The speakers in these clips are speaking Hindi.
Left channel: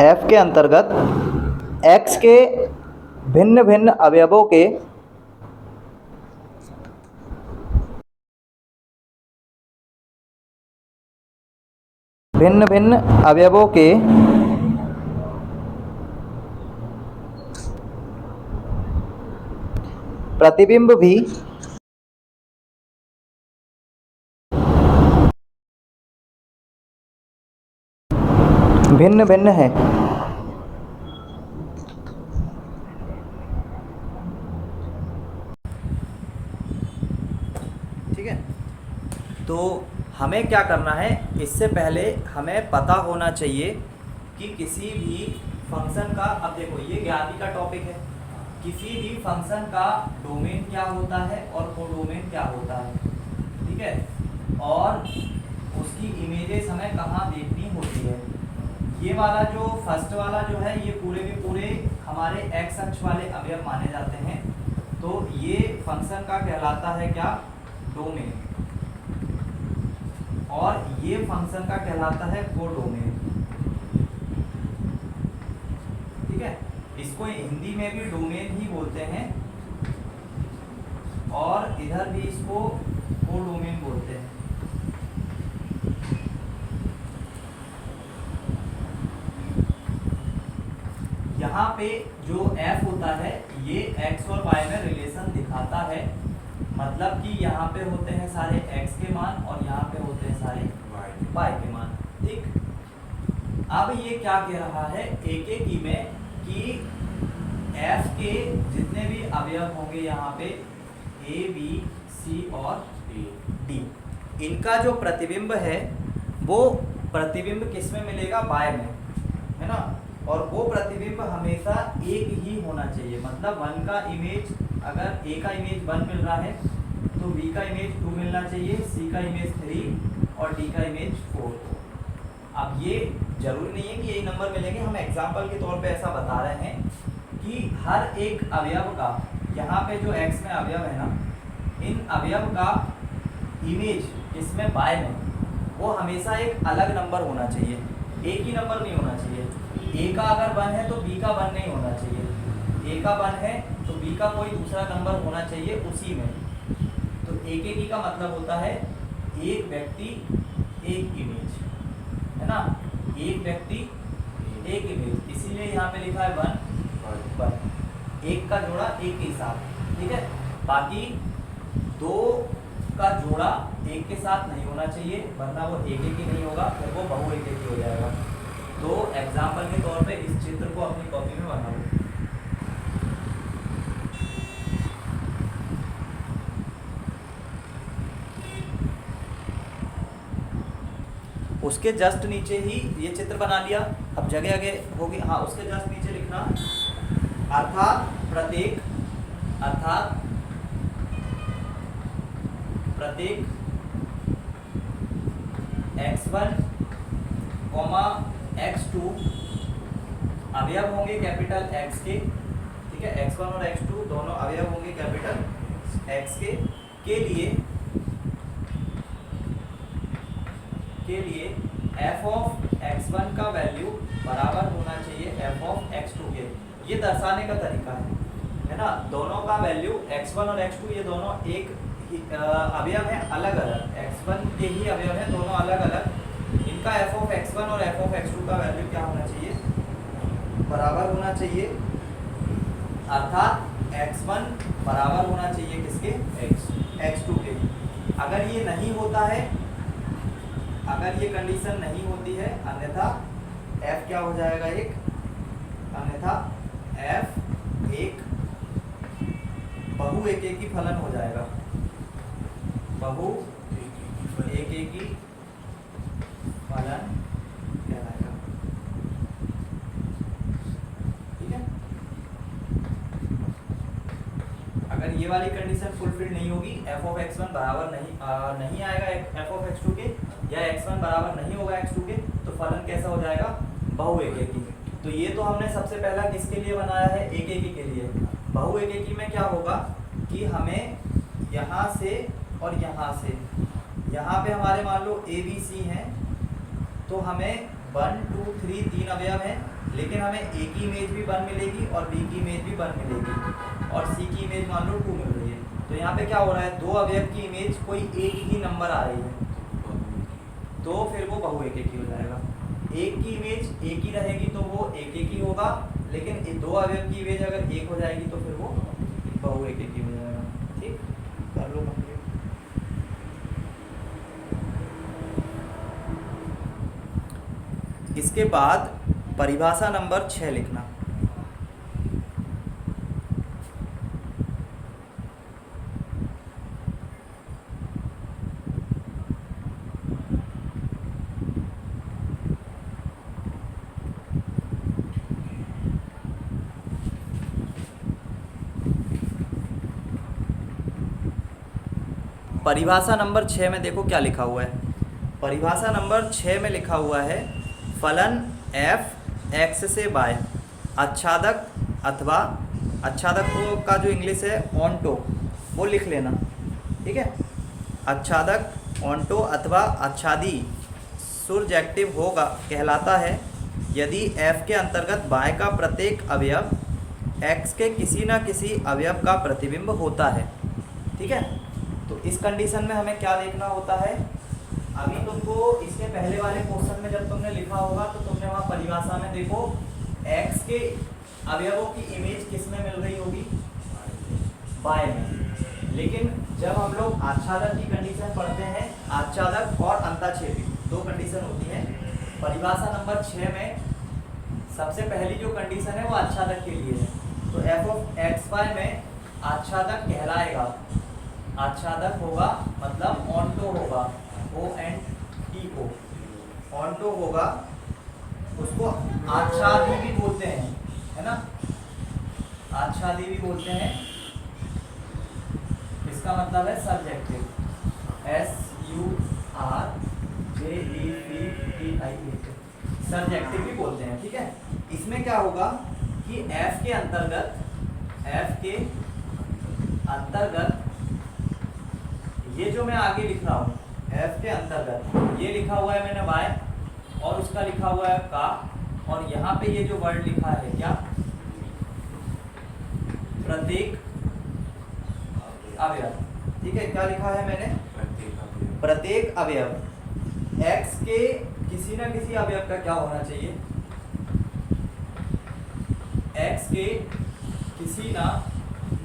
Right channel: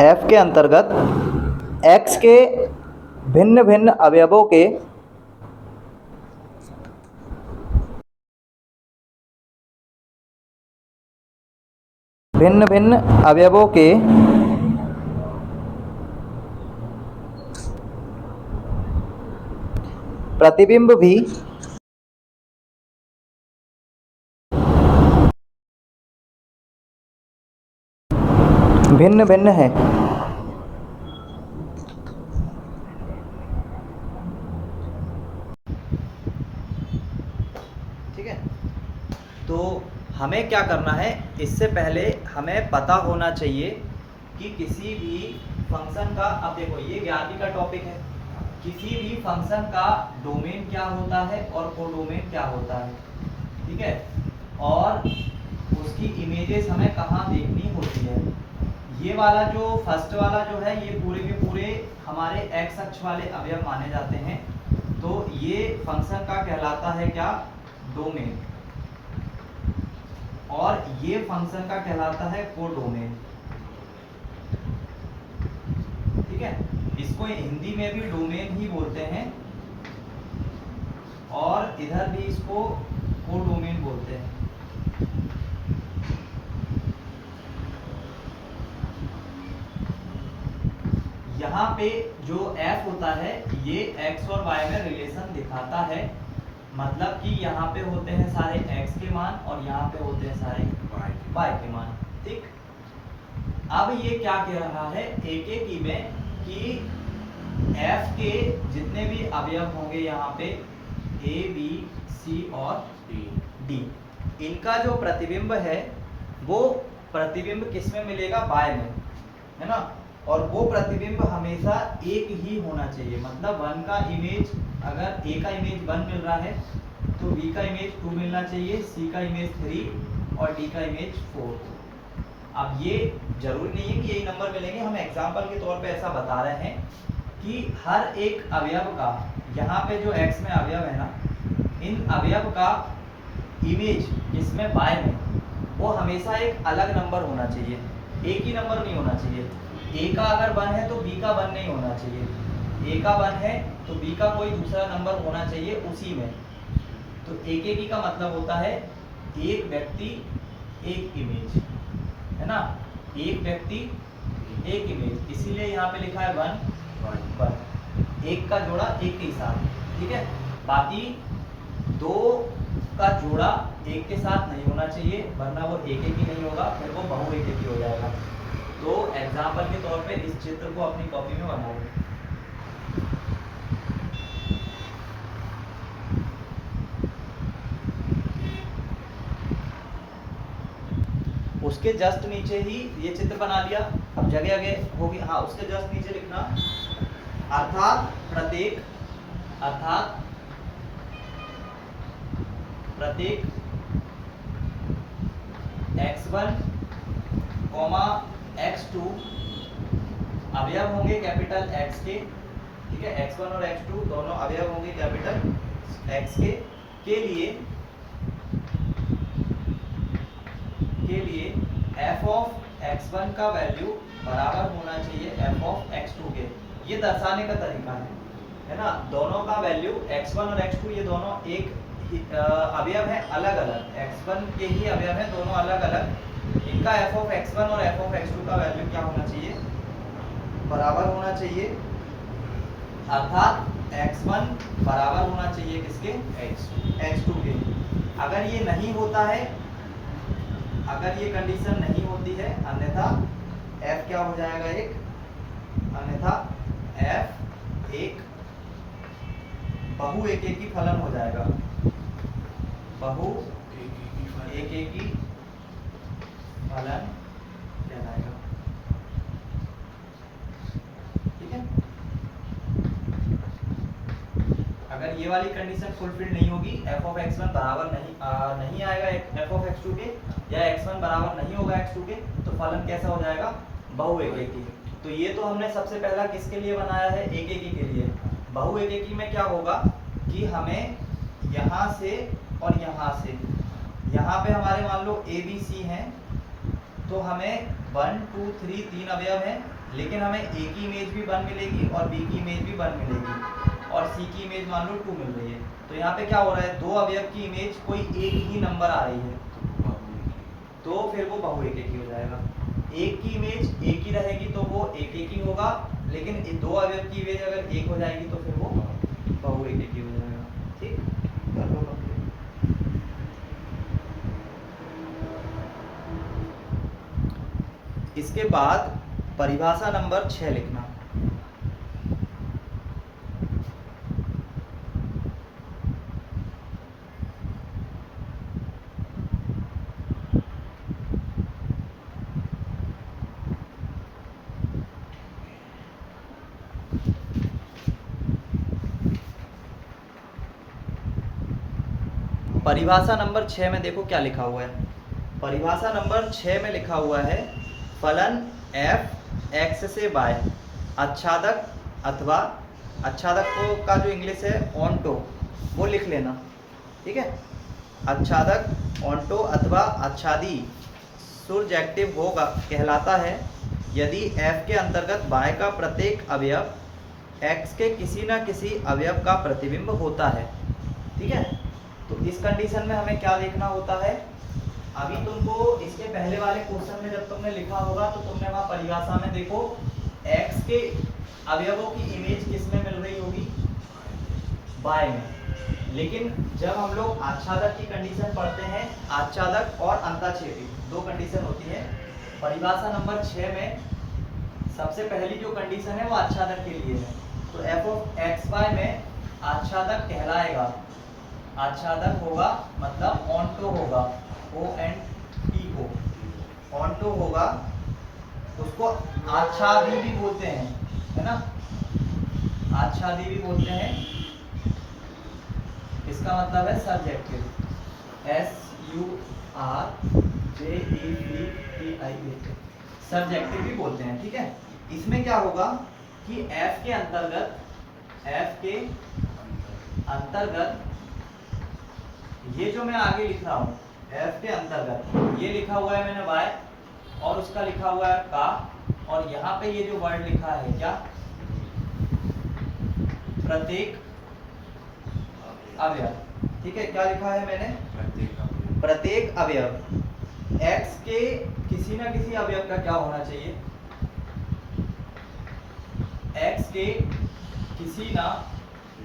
एफ के अंतर्गत एक्स के भिन्न भिन्न अवयवों के प्रतिबिंब भी भिन्न भिन्न है। ठीक है, तो हमें क्या करना है, इससे पहले हमें पता होना चाहिए कि किसी भी फंक्शन का, अब देखो ये ज्ञाति का टॉपिक है, किसी भी फंक्शन का डोमेन क्या होता है और कोडोमेन क्या होता है। ठीक है, और उसकी इमेजेस हमें कहाँ देखनी होती है। ये वाला जो फर्स्ट वाला जो है, ये पूरे के पूरे हमारे एक्स अक्ष वाले अवयव माने जाते हैं। तो ये फंक्शन का कहलाता है क्या, डोमेन, और ये फंक्शन का कहलाता है कोडोमेन। ठीक है, इसको हिंदी में भी डोमेन ही बोलते हैं और इधर भी इसको कोडोमेन बोलते हैं। यहाँ पे जो f होता है ये x और y में रिलेशन दिखाता है, मतलब कि यहाँ पे होते हैं सारे x के मान और यहाँ पे होते हैं सारे y के मान। ठीक, अब ये क्या कह रहा है एक एक ही में कि f के जितने भी अवयव होंगे यहाँ पे a b c और d, इनका जो प्रतिबिंब है वो प्रतिबिंब किस में मिलेगा, y में, है ना। और वो प्रतिबिंब हमेशा एक ही होना चाहिए, मतलब 1 का इमेज, अगर a का इमेज 1 मिल रहा है तो b का इमेज 2 मिलना चाहिए, c का इमेज 3 और d का इमेज 4। अब ये जरूरी नहीं है कि यही नंबर मिलेंगे, हम एग्जाम्पल के तौर पे ऐसा बता रहे हैं कि हर एक अवयव का, यहाँ पे जो x में अवयव है ना, इन अवयव का इमेज इसमें y में वो हमेशा एक अलग नंबर होना चाहिए, एक ही नंबर नहीं होना चाहिए। a का अगर 1 है तो b का 1 नहीं होना चाहिए, a का 1 है तो b का कोई दूसरा नंबर होना चाहिए उसी में। तो एक एक ही का मतलब होता है एक व्यक्ति एक इमेज, है ना, एक व्यक्ति एक इमेज, इसीलिए यहाँ पे लिखा है 1 एक का जोड़ा एक के साथ। ठीक है, बाकी 2 का जोड़ा एक के साथ नहीं होना चाहिए, वरना वो एक एक ही नहीं होगा, फिर वो बहु एक ही हो जाएगा। तो एग्जाम्पल के तौर पे इस चित्र को अपनी कॉपी में बनाओ। उसके जस्ट नीचे ही ये चित्र बना लिया, अब जगह जगह होगी, हाँ उसके जस्ट नीचे लिखना अर्थात प्रत्येक x1, x2 अवयव होंगे कैपिटल X के। ठीक है, x1 और x2 दोनों अवयव होंगे कैपिटल X के लिए f ऑफ x1 का वैल्यू बराबर होना चाहिए f ऑफ x2 के। ये दर्शाने का तरीका है ना, दोनों का वैल्यू x1 और x2 ये दोनों एक अवयव है अलग अलग, x1 के ही अवयव है दोनों अलग अलग, इनका f ऑफ x1 और f ऑफ x2 का वैल्यू क्या होना चाहिए, बराबर होना चाहिए, अर्थात x1 बराबर होना चाहिए किसके, x2 के। अगर ये नहीं होता है, अगर ये कंडीशन नहीं होती है, अन्यथा f क्या हो जाएगा, अन्यथा f एक बहु एक ही फलन हो जाएगा, बहु एक ही फलन कहलाएगा। ठीक है, अगर ये वाली कंडीशन फुलफिल नहीं होगी, f ऑफ x1 बराबर नहीं आएगा f ऑफ x2 के, या x1 बराबर नहीं होगा x2 के, तो फलन कैसा हो जाएगा, बहु एक ही। तो ये तो हमने सबसे पहला किसके लिए बनाया है, एक ही के लिए। बहु एक ही में क्या होगा कि हमें यहाँ से और यहाँ से, यहाँ पे हमारे मान लो a b c हैं, तो हमें 1 2 3 3 अवयव हैं, लेकिन हमें ए की इमेज भी 1 मिलेगी और बी की इमेज भी 1 मिलेगी और सी की इमेज मान लो 2 मिल रही है। तो यहाँ पे क्या हो रहा है, दो अवयव की इमेज कोई एक ही नंबर आ रही है तो फिर वो बहु एक ही हो जाएगा। एक की इमेज एक ही रहेगी तो वो एक ही होगा, लेकिन दो अवयव की इमेज अगर एक हो जाएगी तो फिर वो बहु एक ही हो जाएगा। ठीक, कर लो कंप्लीट। इसके बाद परिभाषा नंबर 6 लिखना। परिभाषा नंबर 6 में देखो क्या लिखा हुआ है। परिभाषा नंबर 6 में लिखा हुआ है फलन f x से y आच्छादक अथवा आच्छादक का जो इंग्लिश है ऑन्टो वो लिख लेना। ठीक है, आच्छादक ऑन्टो अथवा आच्छादी सुरजेक्टिव होगा कहलाता है यदि f के अंतर्गत y का प्रत्येक अवयव x के किसी न किसी अवयव का प्रतिबिंब होता है। ठीक है, तो इस कंडीशन में हमें क्या देखना होता है, अभी तुमको इसके पहले वाले क्वेश्चन में जब तुमने लिखा होगा तो तुमने वहाँ परिभाषा में देखो x के अवयवों की इमेज किस में मिल रही होगी, y में। लेकिन जब हम लोग आच्छादक की कंडीशन पढ़ते हैं, आच्छादक और अंताक्षेपी दो कंडीशन होती है। परिभाषा नंबर 6 में सबसे पहली जो कंडीशन है वो आच्छादक के लिए है। तो f(x, y) में आच्छादक कहलाएगा, आच्छादक होगा मतलब ऑन्टो होगा, O-N-T-O, ऑन्टो होगा, उसको आच्छादी भी बोलते हैं, है ना, आच्छादी भी बोलते हैं। इसका मतलब है सब्जेक्टिव, S-U-R-J-E-C-T-I-V, सब्जेक्टिव भी बोलते हैं। ठीक है, इसमें क्या होगा कि F के अंतर्गत ये जो मैं आगे लिख रहा हूँ F के अंतर्गत ये लिखा हुआ है मैंने y और उसका लिखा हुआ है का, और यहाँ पे ये जो वर्ड लिखा है क्या, प्रत्येक अवयव। ठीक है, क्या लिखा है मैंने, प्रत्येक अवयव x के किसी न किसी अवयव का क्या होना चाहिए, x के किसी न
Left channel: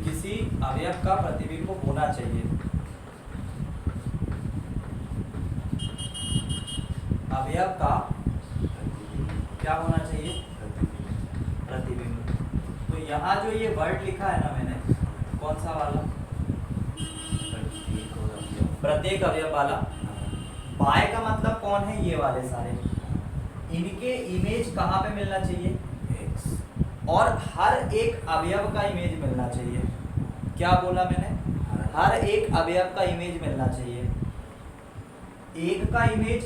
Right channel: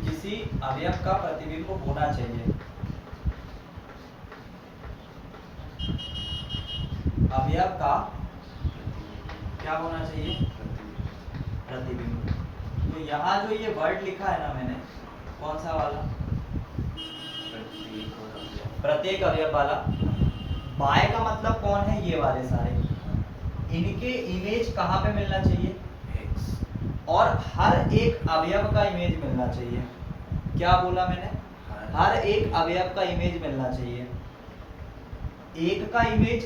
किसी अवयव का प्रतिबिंब होना चाहिए। अवयव का क्या होना चाहिए, प्रतिबिंब। तो यहाँ जो ये वर्ड लिखा है ना मैंने, कौन सा वाला, प्रत्येक अवयव वाला, बाय का मतलब कौन है, ये वाले सारे, इनके इमेज कहाँ पे मिलना चाहिए, और हर एक अवयव का इमेज मिलना चाहिए। क्या बोला मैंने, हर एक अवयव का इमेज मिलना चाहिए। एक का इमेज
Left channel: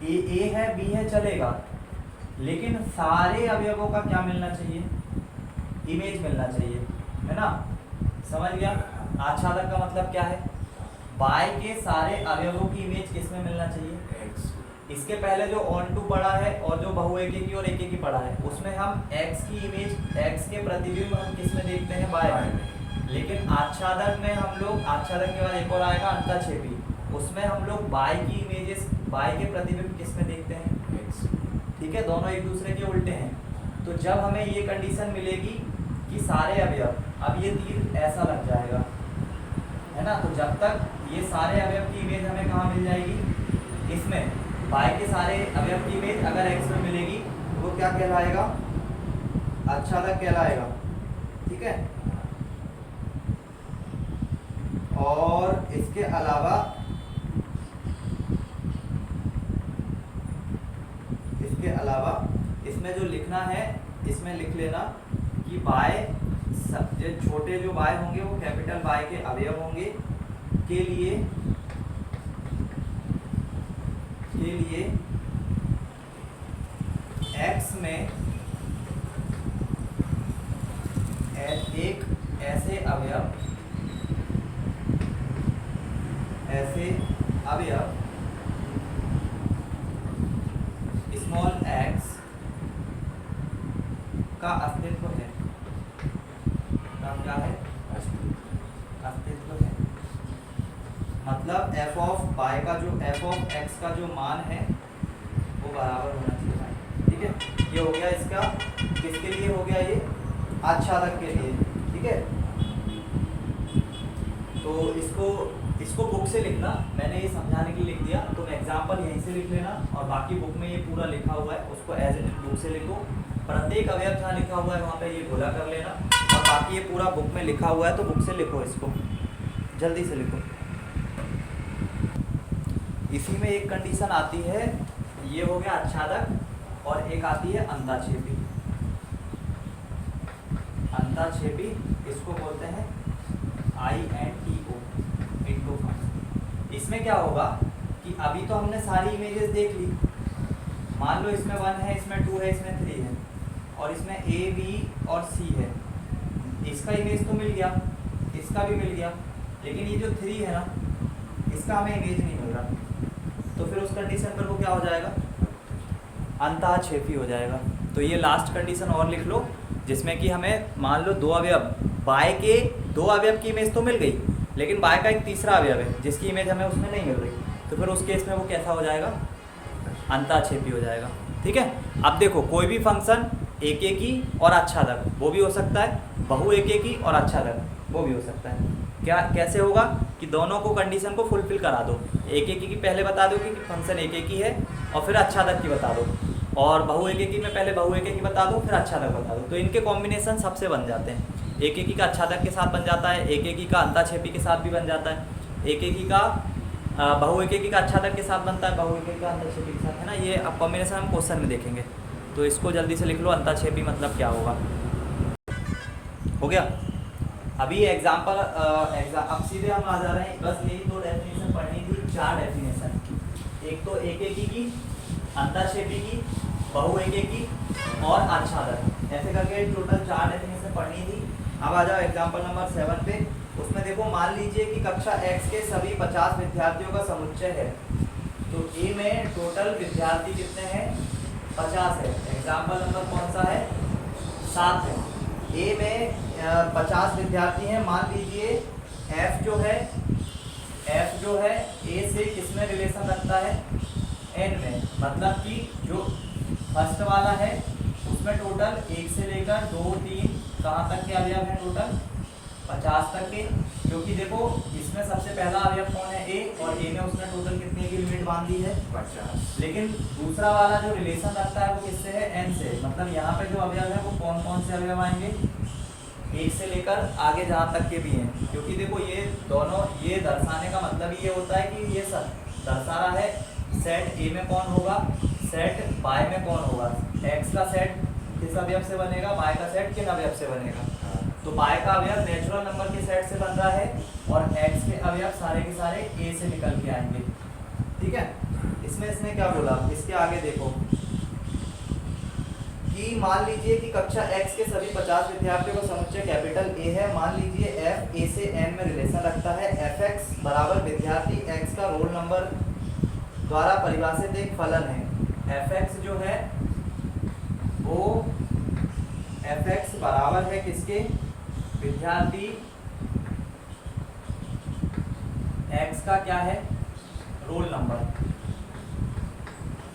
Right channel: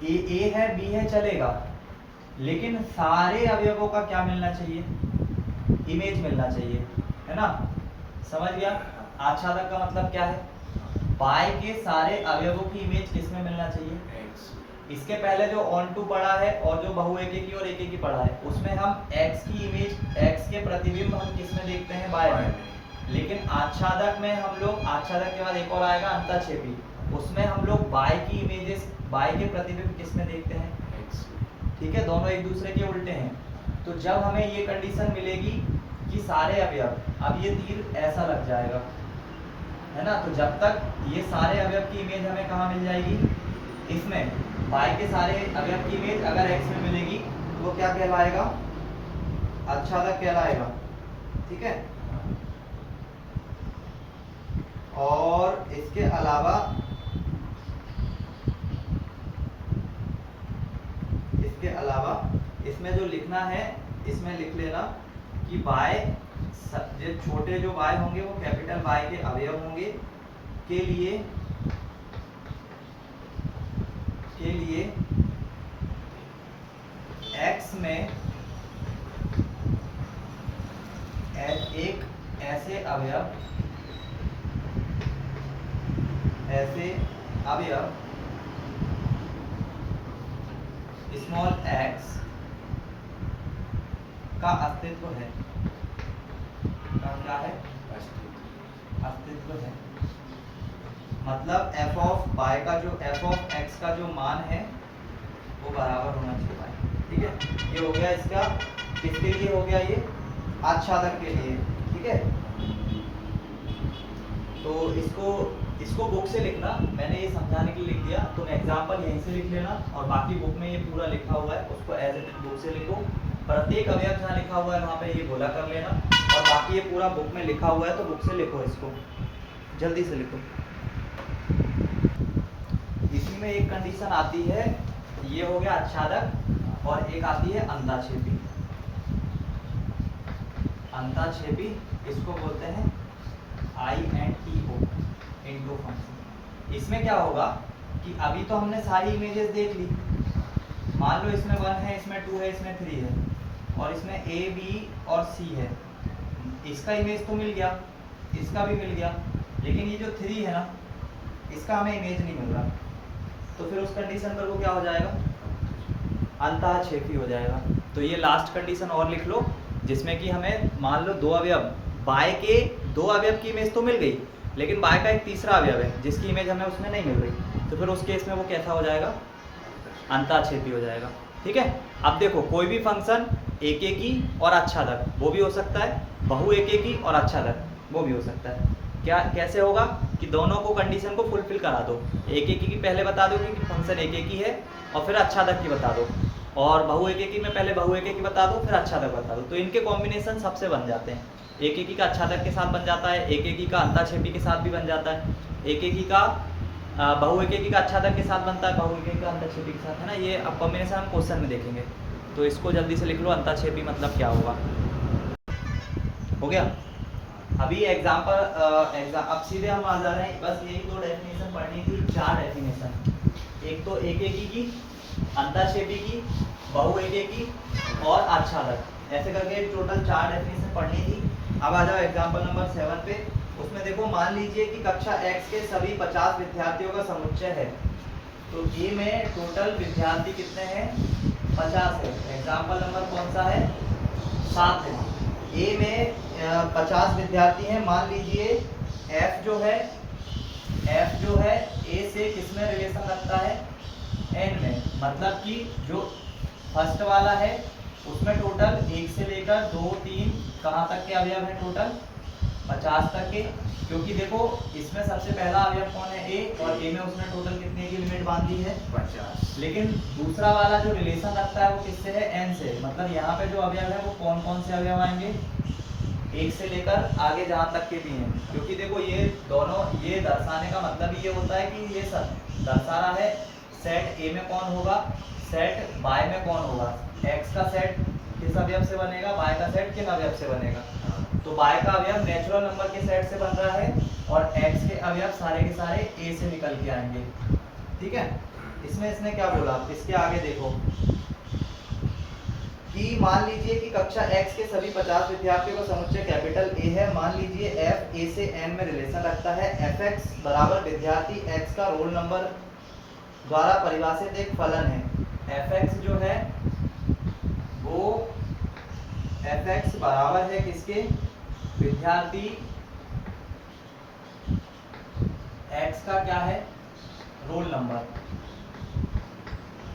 ए है बी है चलेगा, लेकिन सारे अवयवों का क्या मिलना चाहिए, इमेज मिलना चाहिए, है ना, समझ गया। आच्छादक का मतलब क्या है, y के सारे अवयवों की इमेज किस में मिलना चाहिए, इसके पहले जो ऑन टू पढ़ा है और जो बहु एक की और एक की पढ़ा है उसमें हम x की इमेज, x के प्रतिबिंब हम किस में देखते हैं, y में। लेकिन आच्छादक में हम लोग, आच्छादक के बाद एक और आएगा अंतःक्षेपी, उसमें हम लोग y की इमेजेस, y के प्रतिबिंब किस में देखते हैं, ठीक है, दोनों एक दूसरे के उल्टे हैं। तो जब हमें ये कंडीशन मिलेगी कि सारे अवयव, अब ये तीर ऐसा लग जाएगा, है ना, तो जब तक ये सारे अवयव की इमेज हमें कहाँ मिल जाएगी, इसमें y के सारे अवयव की इमेज अगर x में मिलेगी वो क्या कहलाएगा, आच्छादक कहलाएगा। ठीक है, और इसके अलावा इसमें जो लिखना है, इसमें लिख लेना कि y, सबसे छोटे जो y होंगे वो कैपिटल Y के अवयव होंगे के लिए x में एक ऐसे अवयव स्मॉल x का अस्तित्व है, का क्या है, अस्तित्व है। मतलब f ऑफ y का जो f ऑफ x का जो मान है वो बराबर होना चाहिए y। ठीक है, ये हो गया इसका, किसके लिए हो गया ये, आच्छादक के लिए। ठीक है, तो इसको बुक से लिखना, मैंने ये समझाने के लिए लिख दिया, तो एग्जाम्पल यहीं से लिख लेना और बाकी बुक में ये पूरा लिखा हुआ है उसको एज इट इज बुक से लिखो। प्रत्येक अवयव जहाँ लिखा हुआ है वहाँ पे ये बोला कर लेना, और बाकी ये पूरा बुक में लिखा हुआ है तो बुक से लिखो, इसको जल्दी से लिखो। इसी में एक कंडीशन आती है, ये हो गया आच्छादक, और एक आती है अंताक्षेपी। अंताक्षेपी इसको बोलते हैं INTO, इंटो फंक्शन। इसमें क्या होगा कि अभी तो हमने सारी इमेजेस देख ली, मान लो इसमें 1 है, इसमें 2 है, इसमें 3 है, और इसमें A, B और C है। इसका इमेज तो मिल गया, इसका भी मिल गया, लेकिन ये जो 3 है ना, इसका हमें इमेज नहीं मिल रहा, तो फिर उस कंडीशन पर वो क्या हो जाएगा, अंतःक्षेपी हो जाएगा। तो ये लास्ट कंडीशन और लिख लो, जिसमें कि हमें मान लो 2 अवयव, बाय के 2 अवयव की इमेज तो मिल गई, लेकिन बाय का एक तीसरा अवयव है जिसकी इमेज हमें उसमें नहीं मिल रही, तो फिर उस केस में वो कैसा हो जाएगा, अंतःक्षेपी हो जाएगा। ठीक है, अब देखो कोई भी फंक्शन एकेकी और आच्छादक वो भी हो सकता है, बहु एकेकी और आच्छादक वो भी हो सकता है। क्या कैसे होगा कि दोनों को कंडीशन को फुलफिल करा दो, एकेकी की पहले बता दो कि फंक्शन एकेकी है, और फिर आच्छादक की बता दो, और बहु एकेकी में पहले बहु एकेकी बता दो, फिर आच्छादक बता दो, तो इनके कॉम्बिनेशन सबसे बन जाते हैं। एकेकी का आच्छादक के साथ बन जाता है, एकेकी का अंतःक्षेपी के साथ भी बन जाता है, एकेकी का बहु एकेकी का आच्छादक के साथ बनता है, बहु एकेकी का अंतःक्षेपी के साथ, है ना। ये अब कॉम्बिनेशन हम क्वेश्चन में देखेंगे, तो इसको जल्दी से लिख लो, अंतःक्षेपी मतलब क्या होगा। हो गया, अभी एग्जाम्पल अब सीधे हम आ जा रहे हैं, बस यही 2 डेफिनेशन पढ़नी थी, 4 डेफिनेशन, एक तो एकेकी की, अंतःक्षेपी की, बहु एकेकी और आच्छादक, ऐसे करके टोटल 4 डेफिनेशन पढ़नी थी। अब आ जाओ एग्जाम्पल नंबर 7 पे। उसमें देखो, मान लीजिए कि कक्षा X के सभी 50 विद्यार्थियों का समुच्चय है, तो ए में टोटल विद्यार्थी कितने हैं, 50 है। एग्जाम्पल नंबर कौन सा है, 7 है। ए में 50 विद्यार्थी हैं, मान लीजिए F जो है ए से किस में रिलेशन रखता है, N में, मतलब कि जो फर्स्ट वाला है उसमें टोटल 1 से लेकर 2, 3 कहाँ तक के अवयव हैं, टोटल 50 तक के, क्योंकि देखो इसमें सबसे पहला अवयव कौन है, ए, और ए में उसने टोटल कितने की लिमिट बांधी है, 50। लेकिन दूसरा वाला जो रिलेशन रखता है वो किससे है, एन से, मतलब यहाँ पे जो अवयव है वो कौन कौन से अवयव आएंगे, 1 से लेकर आगे जहाँ तक के भी हैं, क्योंकि देखो ये दोनों, ये दर्शाने का मतलब ये होता है कि ये सब दर्शा रहा है सेट ए में कौन होगा, सेट बाय में कौन होगा, एक्स का सेट किस अवयव से बनेगा, बाय का सेट किन अवयव से बनेगा, तो बाय का अवयव नेचुरल नंबर के सेट से बन रहा है, और एक्स के अवयव सारे के सारे ए से निकल के आएंगे। ठीक है, इसमें क्या बोला, इसके आगे देखो कि मान लीजिए कि कक्षा X के सभी 50 विद्यार्थियों का समुच्चय कैपिटल A है, मान लीजिए F A से N में रिलेशन रखता है, Fx बराबर विद्यार्थी X का रोल नंबर द्वारा परिभाषित एक फलन है। Fx जो है वो Fx बराबर है किसके, विद्यार्थी X का क्या है, रोल नंबर,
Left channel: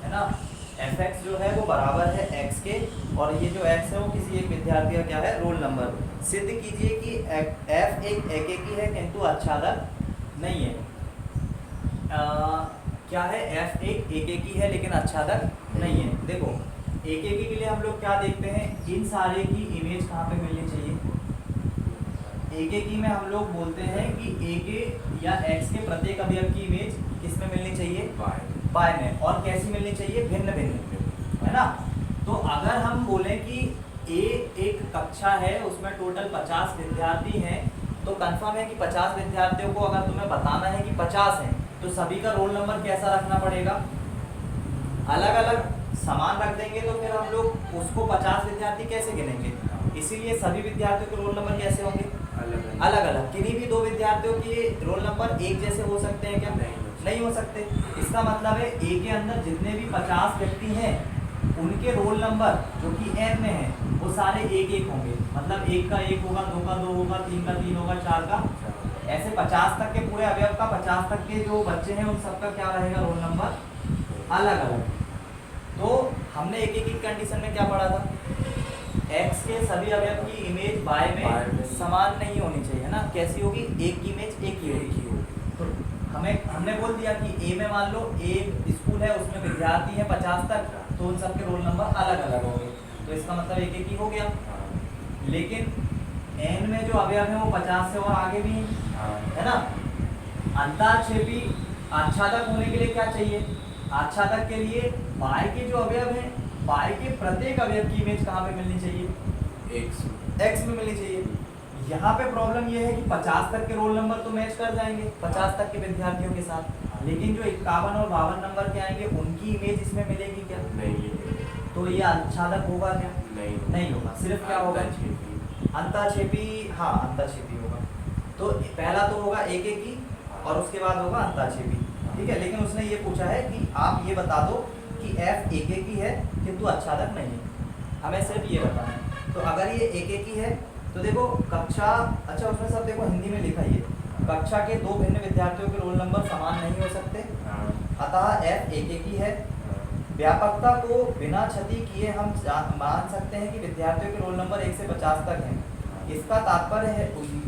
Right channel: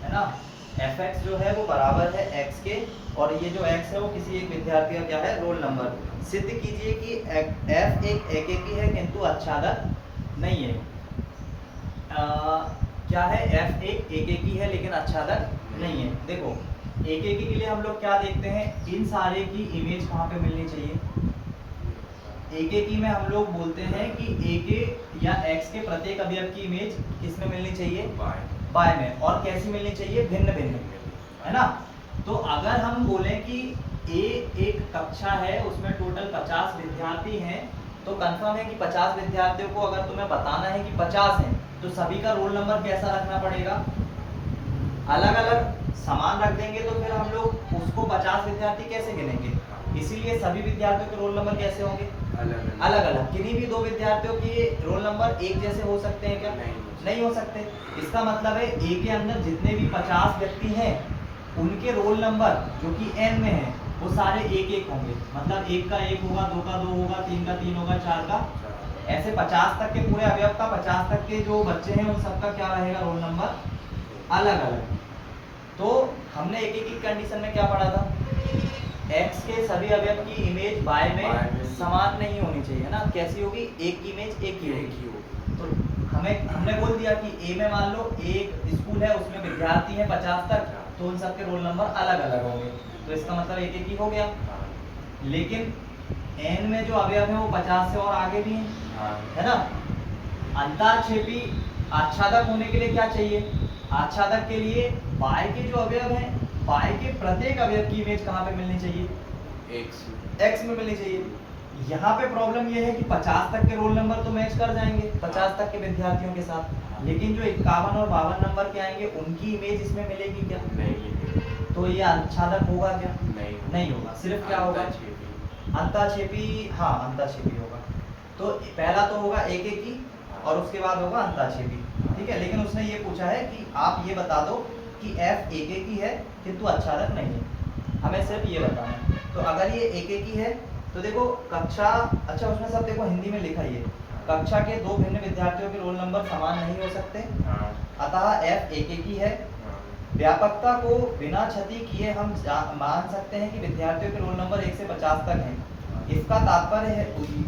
है ना। Fx जो है वो बराबर है x के, और ये जो x है वो किसी एक विद्यार्थी का क्या है, रोल नंबर। सिद्ध कीजिए कि f एक एकेकी है किंतु आच्छादक नहीं है। क्या है, f एक एकेकी है लेकिन आच्छादक नहीं है। देखो एकेकी के लिए हम लोग क्या देखते हैं, इन सारे की इमेज कहाँ पे मिलनी चाहिए, एकेकी में हम लोग बोलते हैं कि एक या x के प्रत्येक अवयव की इमेज किसमें मिलनी चाहिए, बाय में, और कैसी मिलनी चाहिए, भिन्न भिन्न, है ना। तो अगर हम बोलें कि ए एक कक्षा है उसमें टोटल 50 विद्यार्थी हैं, तो कंफर्म है कि 50 विद्यार्थियों को अगर तुम्हें बताना है कि 50 हैं, तो सभी का रोल नंबर कैसा रखना पड़ेगा, अलग अलग समान रख देंगे, तो फिर हम लोग उसको 50 विद्यार्थी कैसे गिनेंगे, इसीलिए सभी विद्यार्थियों के रोल नंबर कैसे होंगे, अलग अलग। किन्हीं भी 2 विद्यार्थियों के रोल नंबर एक जैसे हो सकते हैं क्या, नहीं हो सकते। इसका मतलब है ए के अंदर जितने भी 50 व्यक्ति हैं उनके रोल नंबर जो कि n में है वो सारे एक एक होंगे, मतलब एक का एक होगा, दो का दो होगा, तीन का तीन होगा, चार का ऐसे 50 तक के पूरे अवयव का 50 तक के जो बच्चे हैं उन सबका क्या रहेगा, रोल नंबर अलग अलग। तो हमने एक एक की कंडीशन में क्या पढ़ा था, x के सभी अवयव की इमेज y में समान नहीं होनी चाहिए ना, कैसी होगी, एक की इमेज एक ही होगी। तो हमने बोल दिया कि a में मान लो एक स्कूल है, उसमें विद्यार्थी है 50 तक, तो उन सबके रोल नंबर अलग अलग होंगे, तो इसका मतलब एक एक ही हो गया। लेकिन n में जो अवयव है वो 50 से और आगे भी हैं, है ना। अंतःक्षेपी आच्छादक होने के लिए क्या चाहिए, आच्छादक के लिए y के जो अवयव हैं, y के प्रत्येक अवयव की इमेज कहाँ पे मिलनी चाहिए, x में मिलनी चाहिए। यहाँ पे प्रॉब्लम ये है कि 50 तक के रोल नंबर तो मैच कर जाएंगे 50 तक के विद्यार्थियों के साथ, लेकिन जो 51 और 52 नंबर के आएंगे उनकी इमेज इसमें मिलेगी क्या, नहीं। तो ये आच्छादक होगा क्या, नहीं होगा, सिर्फ क्या होगा, अंतःक्षेपी, हाँ अंतःक्षेपी होगा। तो पहला तो होगा एक एक ही और उसके बाद होगा अंतःक्षेपी, ठीक है। लेकिन उसने ये पूछा है कि आप ये बता दो कि f एक एक ही है किंतु आच्छादक नहीं है, हमें सिर्फ ये बताना है। तो अगर ये एक एक ही है तो देखो कक्षा, अच्छा उसमें सब देखो हिंदी में लिखा ही है, कक्षा के दो भिन्न विद्यार्थियों के रोल नंबर समान नहीं हो सकते, अतः f एक एक ही है। व्यापकता को बिना क्षति किए हम मान सकते हैं कि विद्यार्थियों के रोल नंबर 1 से 50 तक हैं। इसका तात्पर्य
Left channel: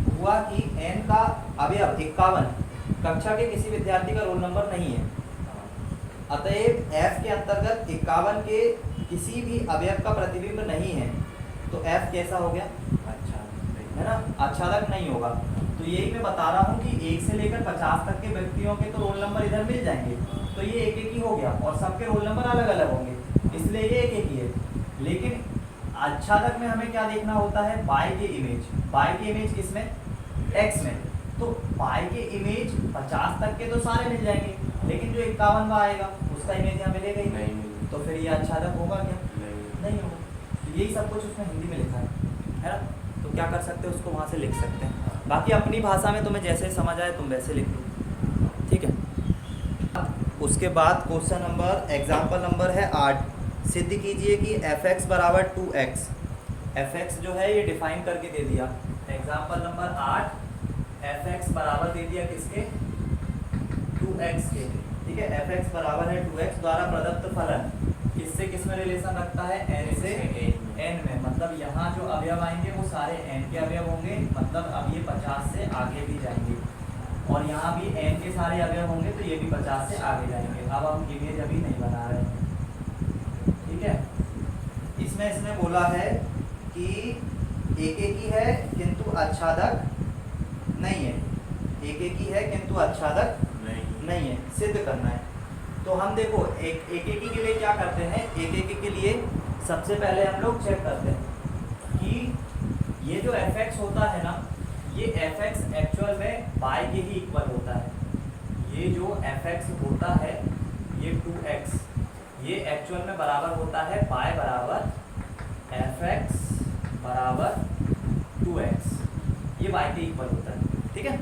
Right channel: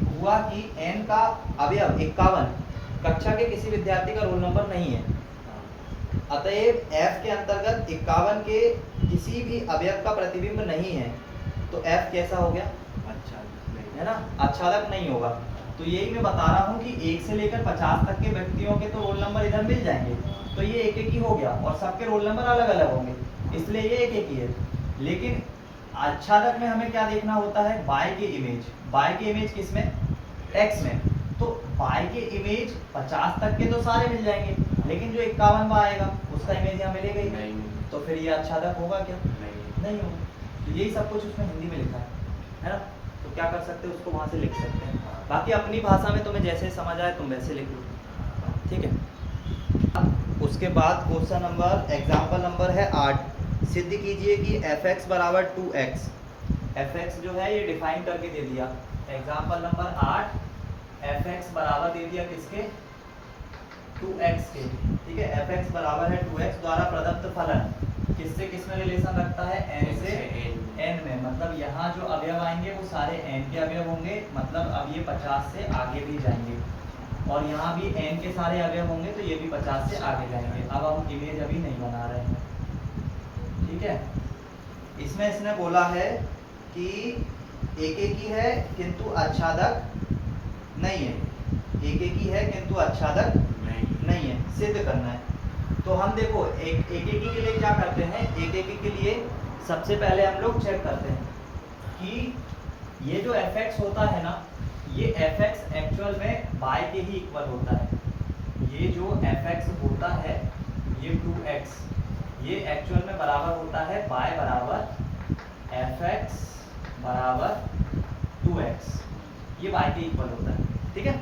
हुआ कि n का अवयव 51 कक्षा के किसी विद्यार्थी का रोल नंबर नहीं है, अतएव f के अंतर्गत 51 के किसी भी अवयव का प्रतिबिंब नहीं है, तो f कैसा हो गया, है ना, आच्छादक नहीं होगा। तो यही मैं बता रहा हूँ कि 1 से लेकर 50 तक के व्यक्तियों के तो रोल नंबर इधर मिल जाएंगे, तो ये एक एक ही हो गया और सबके रोल नंबर अलग अलग होंगे, इसलिए ये एक एक ही है। लेकिन आच्छादक में हमें क्या देखना होता है, y की इमेज, y की इमेज किसमें, x में। तो y के इमेज 50 तक के तो सारे मिल जाएंगे, लेकिन जो 51वां आएगा उसका इमेज यहाँ मिलेगा ही नहीं, तो फिर ये आच्छादक होगा क्या, नहीं होगा। तो यही सब कुछ उसमें हिंदी में लिखा है ना। तो क्या कर सकते हैं, उसको वहाँ से लिख सकते हैं, बाकी अपनी भाषा में तुम्हें जैसे समझ आए तुम वैसे लिख लो, ठीक है। उसके बाद क्वेश्चन नंबर, एग्जाम्पल नंबर है 8, सिद्ध कीजिए कि fx बराबर 2x। fx जो है ये डिफाइन करके दे दिया, एग्जाम्पल नंबर 8, fx बराबर दे दिया किसके, 2x के, ठीक है। fx बराबर है 2x द्वारा प्रदत्त फलन किससे किस में रिलेशन रखता है, n से n में, मतलब यहाँ जो अवयव आएंगे वो सारे n के अवयव होंगे, मतलब अब ये 50 से आगे भी जाएंगे, और यहाँ भी n के सारे अवयव होंगे तो ये भी 50 से आगे जाएंगे। अब हम इमेज अभी नहीं बना रहे हैं, ठीक है। इसमें इसने बोला है कि एक एक ही है किंतु आच्छादक नहीं है, एक एक ही है किंतु आच्छादक नहीं है, सिद्ध करना है। तो हम देखो एक एक ही के लिए क्या करते हैं, एक एक के लिए सबसे पहले हम लोग चेक करते हैं कि ये जो fx होता है ना, ये fx एक्चुअल में y के ही इक्वल होता है। ये जो fx होता है ये 2x, ये एक्चुअल में बराबर होता है y बराबर fx बराबर 2x, ये y के इक्वल होता है, ठीक है।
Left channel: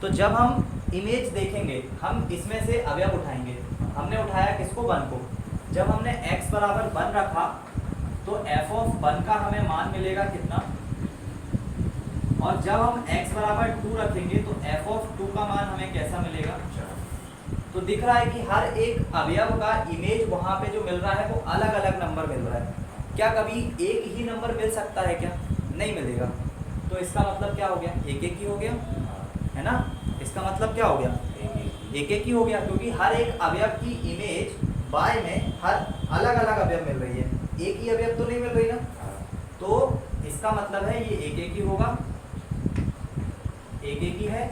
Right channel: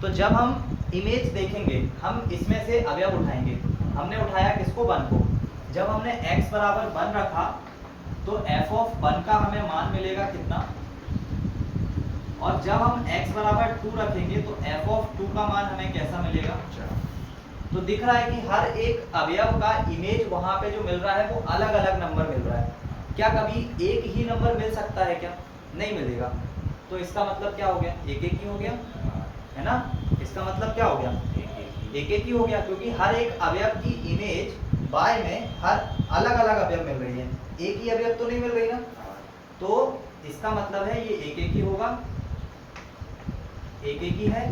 तो जब हम इमेज देखेंगे हम इसमें से अवयव उठाएंगे, हमने उठाया किसको, 1 को। जब हमने x बराबर 1 रखा तो f ऑफ 1 का हमें मान मिलेगा कितना, और जब हम x बराबर 2 रखेंगे तो f ऑफ 2 का मान हमें कैसा मिलेगा। तो दिख रहा है कि हर एक अवयव का इमेज वहां पे जो मिल रहा है वो अलग अलग नंबर मिल रहा है। क्या कभी एक ही नंबर मिल सकता है क्या, नहीं मिलेगा। तो इसका मतलब क्या हो गया, एक एक ही हो गया, है ना। इसका मतलब क्या हो गया, एक एक ही हो गया, क्योंकि हर एक अवयव की इमेज y में हर अलग अलग अवयव मिल रही है, एक ही अवयव तो नहीं मिल रही ना। तो इसका मतलब है ये एक एक ही होगा, एक एक ही है।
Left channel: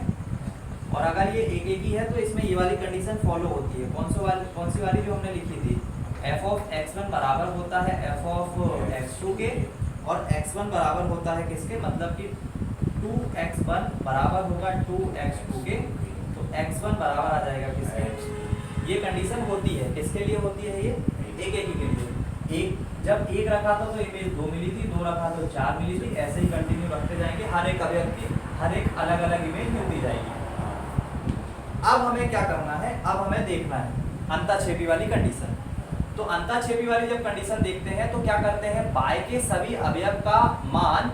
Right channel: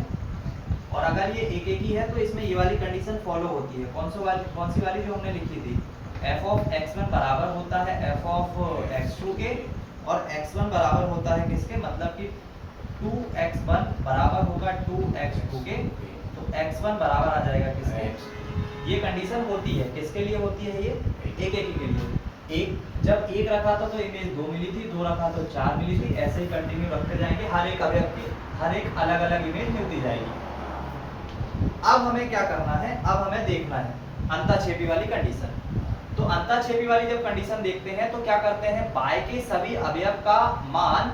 और अगर ये एक एक ही है तो इसमें ये वाली कंडीशन फॉलो होती है, कौन सी वाली जो हमने लिखी थी, f ऑफ x1 बराबर होता है f ऑफ x2 के, और x1 बराबर होता है किसके, मतलब कि 2x1 बराबर होगा 2x2 के, तो x1 बराबर आ जाएगा किसके। ये कंडीशन होती है, किसके लिए होती है, ये एक एक के लिए। एक जब एक रखा था तो इमेज 2 मिली थी, 2 रखा तो 4 मिली थी, ऐसे ही कंटिन्यू रखते जाएंगे, हर एक अवयव की हर एक अलग अलग इमेज मिलती जाएगी। अब हमें क्या करना है, अब हमें देखना है अंतःक्षेपी वाली कंडीशन। तो अंतःक्षेपी वाली जब कंडीशन देखते हैं तो क्या करते हैं, बाय के सभी अवयव का मान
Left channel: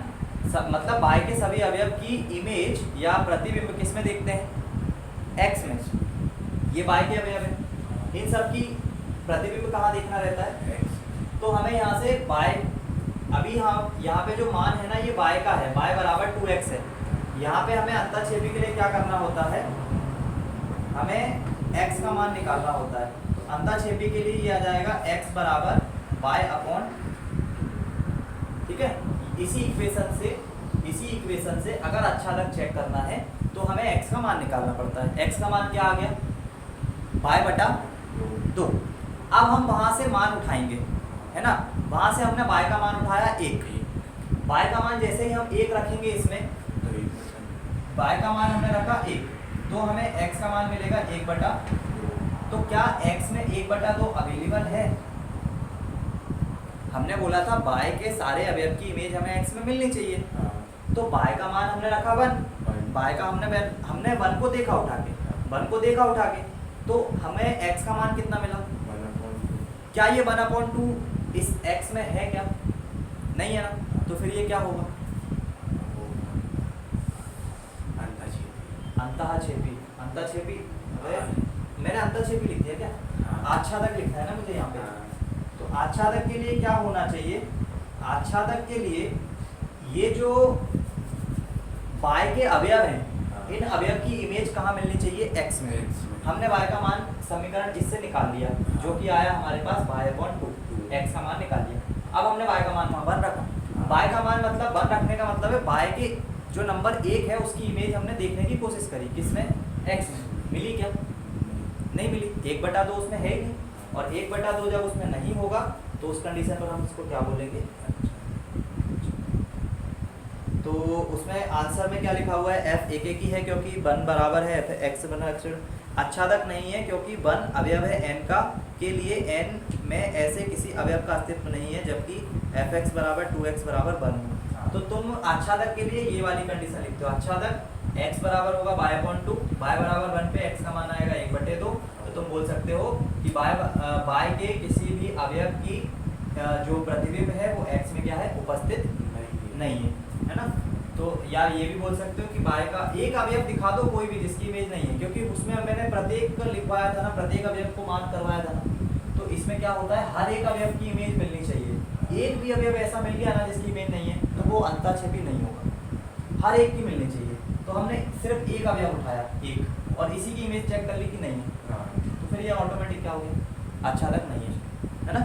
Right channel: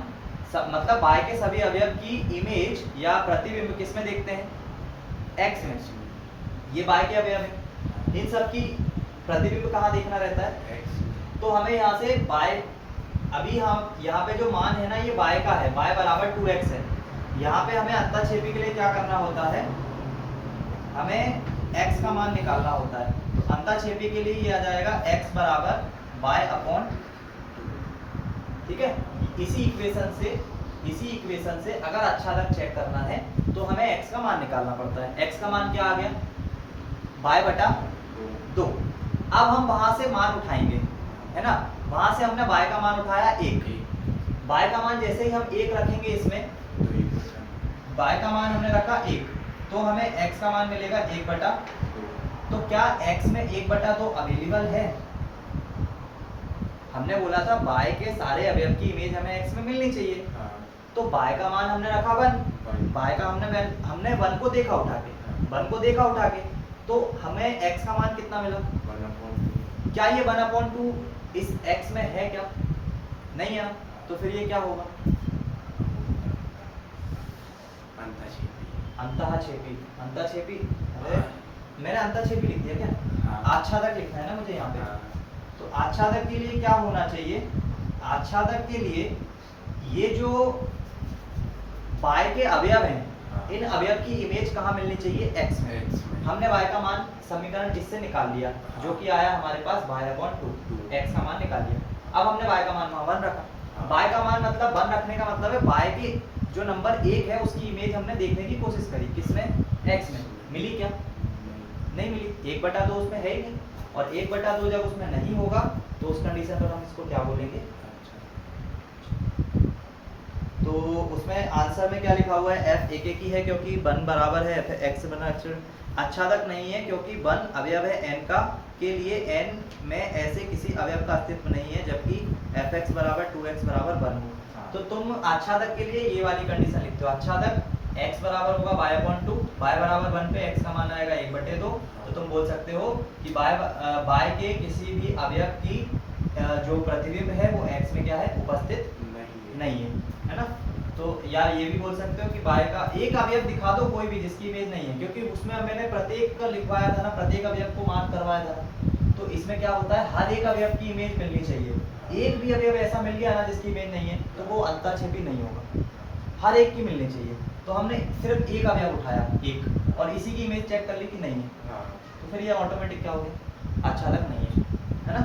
मतलब बाय के सभी अवयव की इमेज या प्रतिबिंब किस में देखते हैं, एक्स में। ये बाय के अवयव है, इन सब की प्रतिबिंब कहाँ देखना रहता है, एक्स। तो हमें यहाँ से बाय, अभी हम यहाँ पे जो मान है ना ये बाय का है, बाय बराबर 2x है। यहाँ पे हमें अंतःक्षेपी के लिए क्या करना होता है, हमें x का मान निकालना होता है। तो अंतःक्षेपी के लिए ये आ जाएगा x बराबर बाय अपॉन, ठीक है। इसी इक्वेशन से अगर अच्छा चेक करना है तो हमें x का मान निकालना पड़ता है। x का मान क्या आ गया, बाय बटा 2। अब हम वहां से मान उठाएंगे, है ना। वहां से हमने बाय का मान उठाया 1, बाय का मान जैसे ही हम 1 रखेंगे इसमें, बाय का मान हमने रखा 1, तो हमें x का मान मिलेगा 1 बटा। तो क्या x में 1 बटा 2 अवेलेबल है, हमने बोला था बाय के सारे अवयव की इमेज हमें x में मिलनी चाहिए। तो बाय का मान हमने रखा 1, बाय का हमने 1 को देखा उठा के, 1 को देखा उठा के, तो हमें x का मान कितना मिला, क्या ये 1/2 इस x में है क्या, नहीं है ना। तो फिर ये क्या होगा, अंतःक्षेपी। अरे मैंने अंतःक्षेपी लिख दिया क्या, आच्छादक लिखा है ना मुझे यहाँ पे। तो आच्छादक के लिए क्या होना चाहिए, आच्छादक के लिए ये जो बाय के अवयव हैं, इन अवयव की इमेज कहाँ मिलनी चाहिए, x में। हमने y का मान समीकरण इससे निकाल लिया, जो कि आया हमारे पास बाय अपॉन 2, x का मान निकाल लिया। अब हमने y का मान वहाँ 1 रखा, बाय का मान मतलब 1 रखने का मतलब है बाय के जो नंबर 1 है उसकी इमेज हमने देखने की कोशिश करी, किसमें, x में। मिली क्या, नहीं मिली, 1/2 उसमें है ही नहीं, और 1/2 जब उसमें नहीं होगा तो उस कंडीशन पर हम इसको क्या बोलेंगे। तो उसमें आंसर में क्या लिखा हुआ है, f एक ही है क्योंकि 1 बराबर है f x बना। आच्छादक नहीं है क्योंकि 1 अवयव है n का, के लिए n में ऐसे किसी अवयव का अस्तित्व नहीं है जबकि fx बराबर 2x बराबर 1 हो। तो तुम आच्छादक के लिए ये वाली कंडीशन लिखते हो, आच्छादक x बराबर होगा बाय अपॉन 2, बाय बराबर 1 पे x का मान आएगा 1/2। तो तुम बोल सकते हो कि बाय के किसी भी अवयव की जो प्रतिबिंब है वो x में क्या है, उपस्थित नहीं है ना। तो या ये भी बोल सकते हो कि बाय का एक अवयव दिखा दो कोई भी जिसकी इमेज नहीं है, क्योंकि उसमें मैंने प्रत्येक को लिखवाया था ना, प्रत्येक अवयव को मार्क करवाया था ना। तो इसमें क्या होता है, हर एक अवयव की इमेज मिलनी चाहिए। एक भी अवयव ऐसा मिल गया ना जिसकी इमेज नहीं है तो वो अंतःक्षेपी नहीं होगा, हर एक की मिलनी चाहिए। तो हमने सिर्फ एक अवयव उठाया, एक, और इसी की इमेज चेक कर ली कि नहीं है, तो फिर ये ऑटोमेटिक क्या हो गया, आच्छादक नहीं है ना।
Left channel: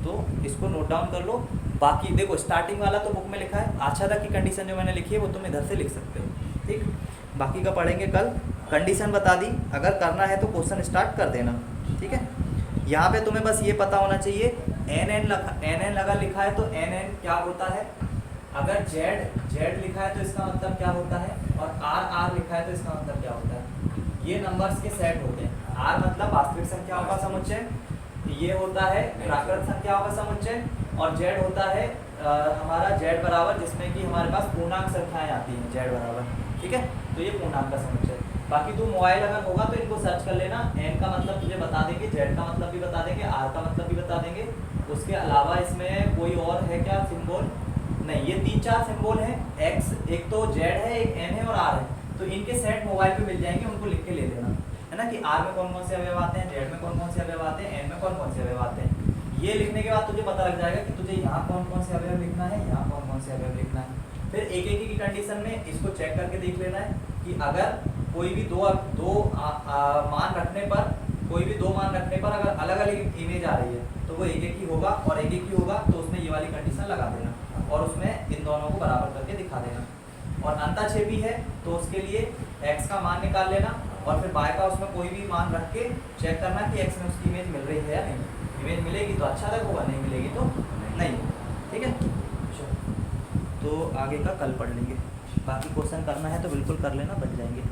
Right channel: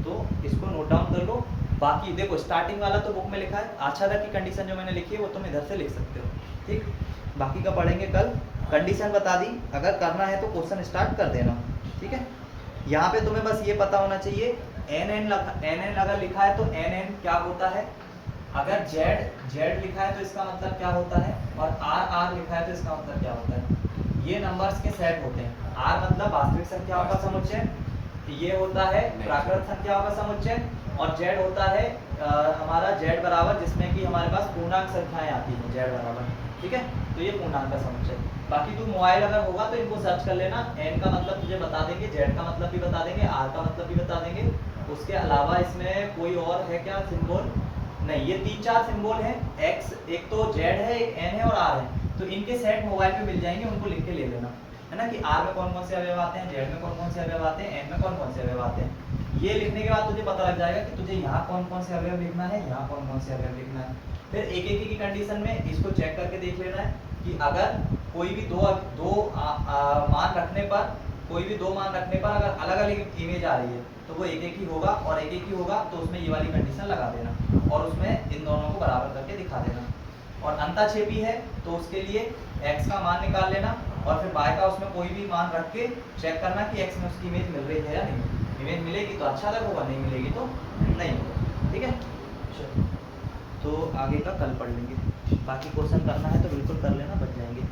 तो इसको नोट डाउन कर लो। बाकी देखो स्टार्टिंग वाला तो बुक में लिखा है, आच्छादक की कंडीशन जो मैंने लिखी है वो तुम इधर से लिख सकते हो, ठीक। बाकी का पढ़ेंगे कल। कंडीशन बता दी, अगर करना है तो क्वेश्चन स्टार्ट कर देना, ठीक है। यहाँ पे तुम्हें बस ये पता होना चाहिए NN अगर लिखा है तो NN क्या होता है, अगर Z लिखा है तो इसका मतलब क्या होता है, और R लिखा है तो इसका मतलब क्या होता है। ये नंबर्स के सेट होते हैं। R मतलब वास्तविक संख्याओं का समुच्चय, ये होता है प्राकृत संख्याओं का समुच्चय, और Z होता है हमारा Z बराबर, जिसमें कि हमारे पास पूर्णांक संख्याएं आती हैं Z बराबर, ठीक है। तो ये पूर्णांक का समुच्चय। बाकी तू मोबाइल अगर होगा तो इनको सर्च कर लेना। N का मतलब तुझे बता देंगे, Z का मतलब भी बता देंगे, R का मतलब भी बता देंगे। उसके अलावा इसमें कोई और है क्या सिंबल, नहीं, ये 3-4 सिंबल हैं। X, एक तो Z है, एक N है और R है। तो इनके सेट मोबाइल पे मिल जाएंगे, उनको लिख के ले लेना, है ना, कि R में कौन कौन से अवयव आते हैं, Z में कौन कौन से अवयव आते हैं, N में कौन कौन से अवयव आते हैं। ये लिखने के बाद तुझे पता लग जाएगा कि तुझे यहाँ कौन कौन से अवयव लिखना है, यहाँ कौन कौन से अवयव लिखना है। फिर एक एक की कंडीशन में इसको चेक करके देख लेना है कि अगर कोई भी दो मान रखने पर, कोई भी 2 मान रखने पर अगर अलग अलग इमेज आ रही है तो वो एक ही होगा, और एक ही होगा तो उसमें ये वाली कंडीशन लगा देना और उसमें इन दोनों को बराबर करके दिखा देना। और अंतःक्षेपी है तो उसके लिए x का मान निकाल लेना, और फिर y का उसमें कोई भी मान रख के चेक करना कि x में उसकी इमेज मिल रही है या नहीं। इमेज मिलेगी तो आच्छादक होगा, नहीं मिलेगी तो नहीं होगा, ठीक है। तो आगे का कल पढ़ लेंगे। बाकी क्वेश्चन करना है तो बिल्कुल कर लेना, बच जाएंगे।